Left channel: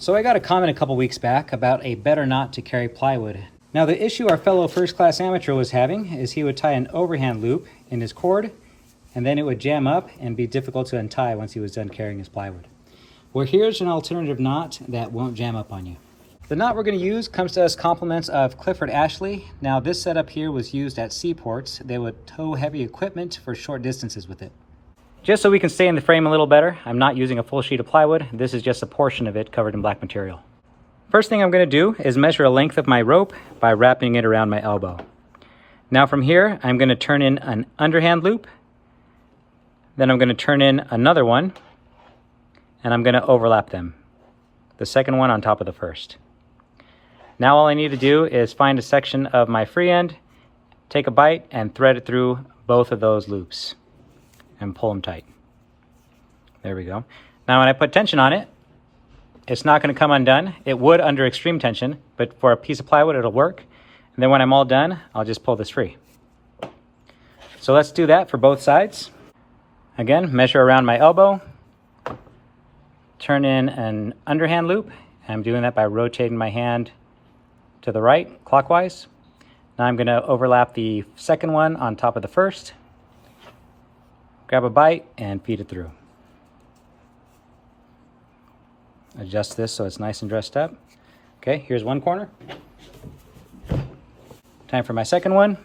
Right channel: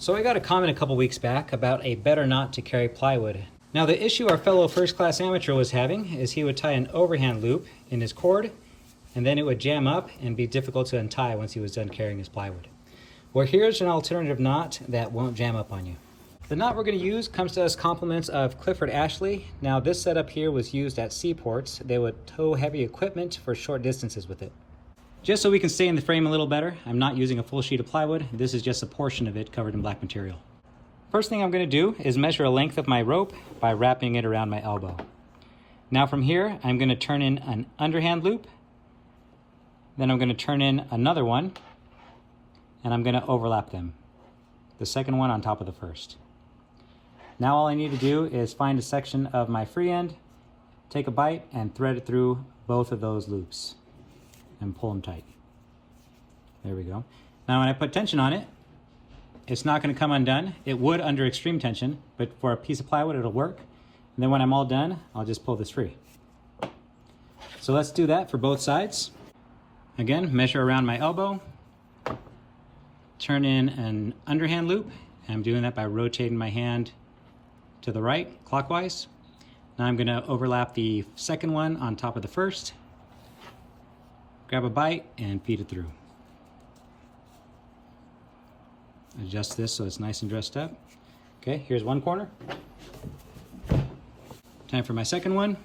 So I got a comment a couple weeks back about a better knot to carry plywood. Now the issue our fellow first-class amateur was having is he would tie an overhand loop in his cord and then it would jam up and be difficult to untie once he was done carrying his plywood. Well, here's an alternative knot that won't jam up on you. The knot we're going to use comes to us compliments of Clifford Ashley. Now this setup here was used at seaports. They would tow heavy equipment for short distances with it. Just so we can stay in the frame a little better, I'm not using a full sheet of plywood. This is just a portion of it covered in black material. First thing I'm going to do is measure a length of my rope by wrapping it around my elbow. Now from here, I'm going to turn in an underhand loop. Then I'm going to turn in another one, and I'm going to overlap them. The second one on top of the first. Now all I need to do is find a section of my free end, take a bite, and thread it through both of those loops. And pull them tight. There we go. Now when I put tension on it, it's not going to come undone. It would under extreme tension, but for a piece of plywood it'll work. And then when I'm all done, I'll just pull this free. So let's do that for both sides. Again, measure around my elbow, turn in an underhand loop, and I'm doing that by rotating my hand to the right clockwise. Now I'm going to overlap the second one on top of the first. Grab a bite and feed it through. Adjust this so it's nice and dressed up. Okay, here's one corner. Time for my second one.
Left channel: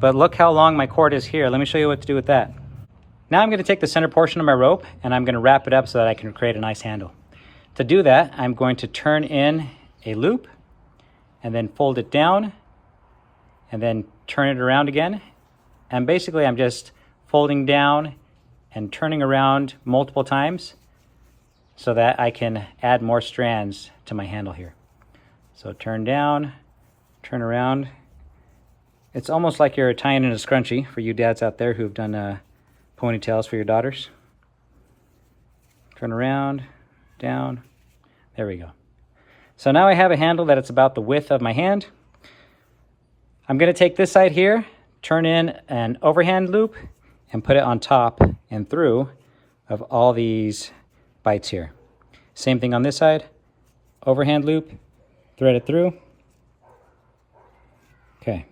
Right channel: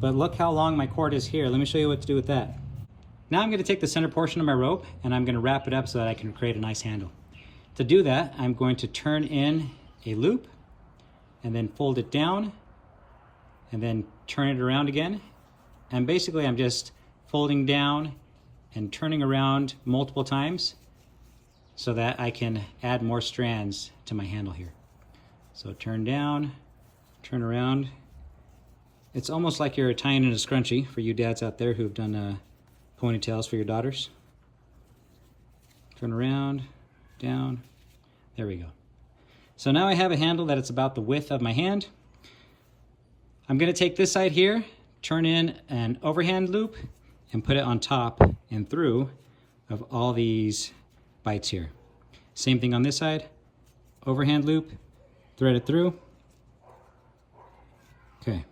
But look how long my cord is here. Let me show you what to do with that. Now I'm going to take the center portion of my rope and I'm going to wrap it up so that I can create a nice handle. To do that, I'm going to turn in a loop and then fold it down and then turn it around again. And basically I'm just folding down and turning around multiple times so that I can add more strands to my handle here. So turn down, turn around. It's almost like you're tying in a scrunchie for you dads out there who've done ponytails for your daughters. Turn around, down, there we go. So now I have a handle that it's about the width of my hand. I'm going to take this side here, turn in an overhand loop, and put it on top and through of all these bites here. Same thing on this side, overhand loop, thread it through. Okay.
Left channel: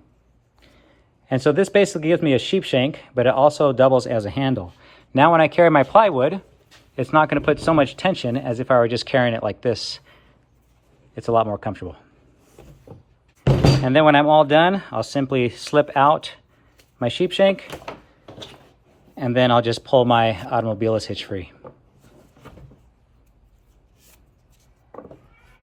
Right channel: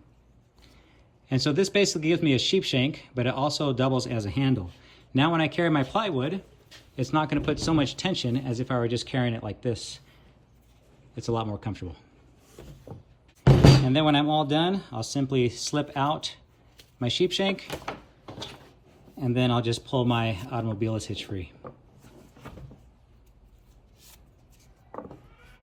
And so this basically gives me a sheep shank, but it also doubles as a handle. Now when I carry my plywood, it's not going to put so much tension as if I were just carrying it like this. It's a lot more comfortable. And then when I'm all done, I'll simply slip out my sheep shank, and then I'll just pull my automobilist hitch free.